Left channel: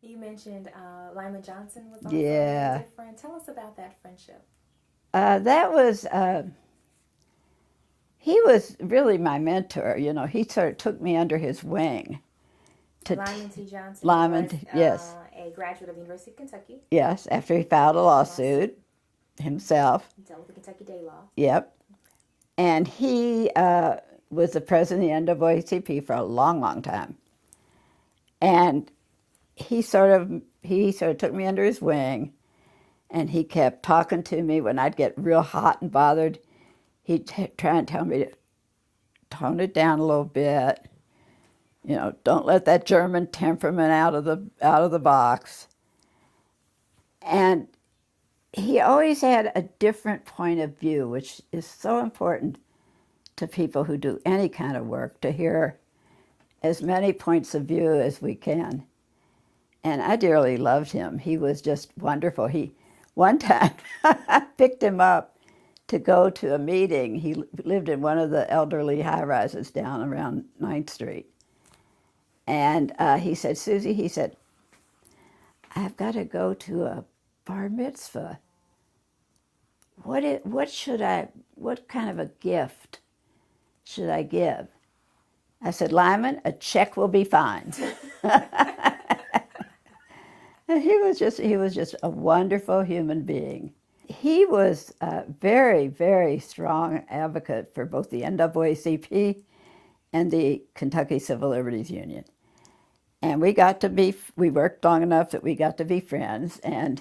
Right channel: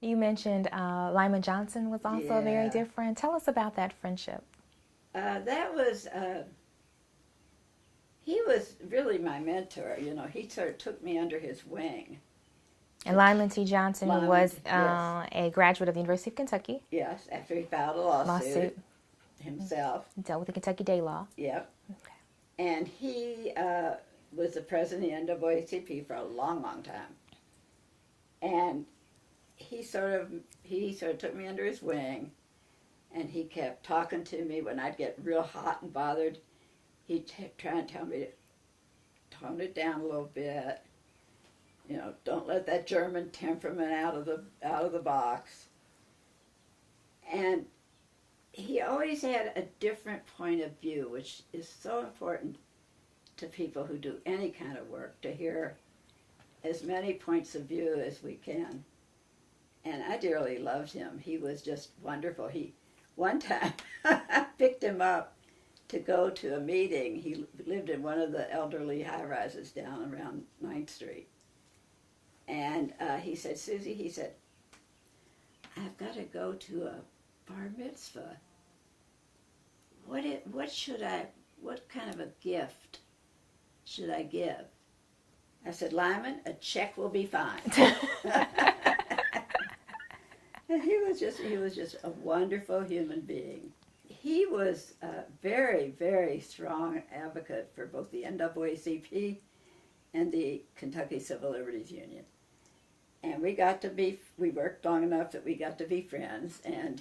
You mentioned Lyman Johnson was also very Yeah. different. Tell us about that friendship. That was, he was really my mentor. You know, he sort of took me under his wing And to Lyman T. Johnson, who Lyman, was yes, a graduate of the University of Kentucky, yes, after he filed a lawsuit lawsuit, himself. dealt with the Kentucky Day Law. Yep. And he was the president of the NAACP for a long, long time. And he sort of took me under his wing, and he kept talking to me when I'd get real hot and bothered. He'd try and tell me to tone it down a little bit. You know, don't let that German temperament out of the box. And he always had a different point of view, which is so important to people who do any kind of work, to hear as many points of view as we can. And I dearly loved him. He was just wonderful. One time I picked him up to go to a meeting. He lived in one of the elderly high-rises down around 9th Street. And he said, Susie, he said, I've got to go to a bar mitzvah. What kind of a gift should I give? I said, Lyman, a check will be fine. And he was just a wonderful human being. He was a very, very strong advocate for both the NAACP and the Kentucky Civil Liberties Union. And we worked long enough that we got to be friends. And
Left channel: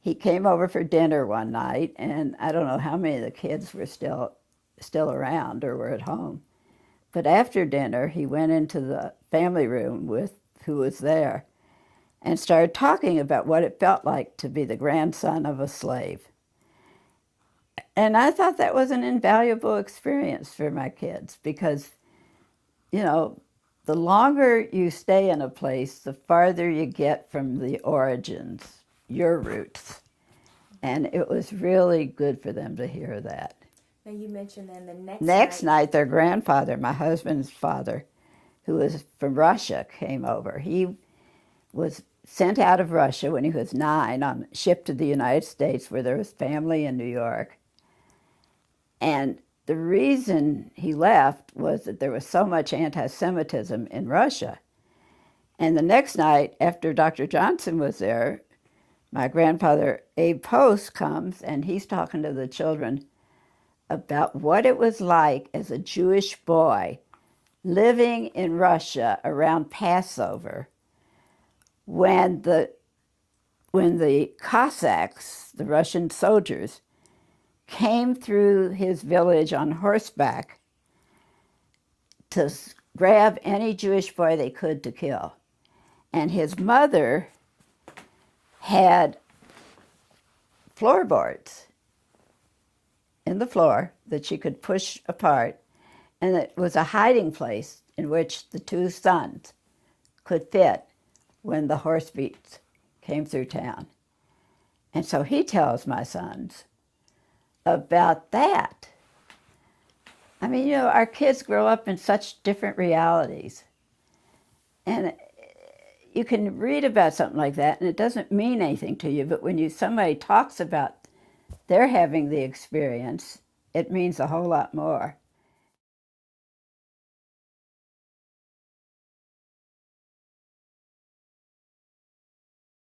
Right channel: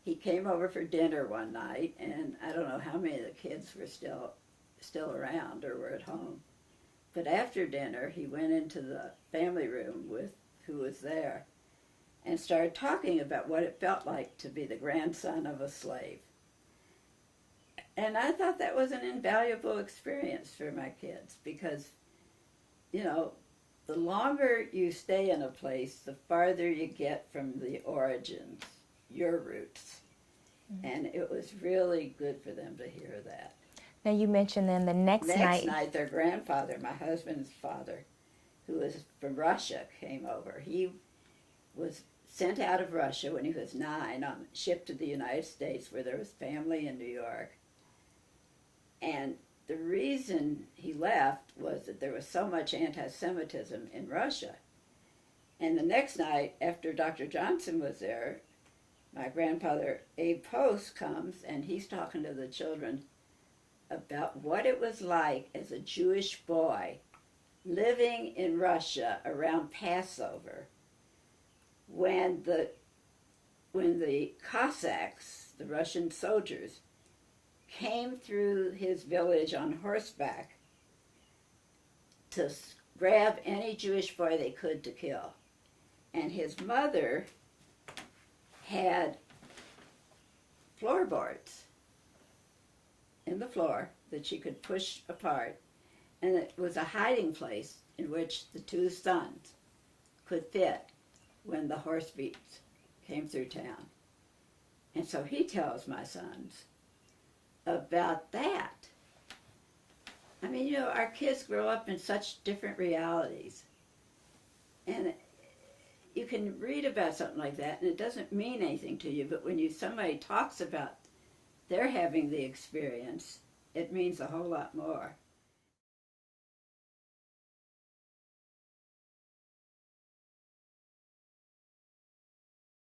he came over for dinner one night, and I don't know how many of the kids were still around or were at home. But after dinner, he went into the family room with who was there and started talking about what it felt like to be the grandson of a slave. And I thought that was an invaluable experience for my kids because, you know, the longer you stay in a place, the farther you get from the origins, your roots. And it was really good for them to hear that. Now, you mentioned then the next Next night. night, their grandfather, my husband's father, who was from Russia, came over. He was sent out of Russia when he was 9, shipped to the United States where there was family in New York. And the reason he left was that there was so much anti-Semitism in Russia. And the next night, after Dr. Johnson was there, my grandfather, Abe Post, comes and he's talking to the children about what it was like as a Jewish boy living in Russia around Passover when the Cossacks, the Russian soldiers, came through his village on horseback to grab any Jewish boy they could to kill. And his mother had floorboards in the floor that she could push apart, and it was a hiding place in which the two sons could fit when the horse beats came through town. And so he tells my sons about that. I mean, you know, our kids grow up in such different realities. And you can read about something like that and it doesn't mean anything to you, but when somebody talks about their having the experience, it means a whole lot more.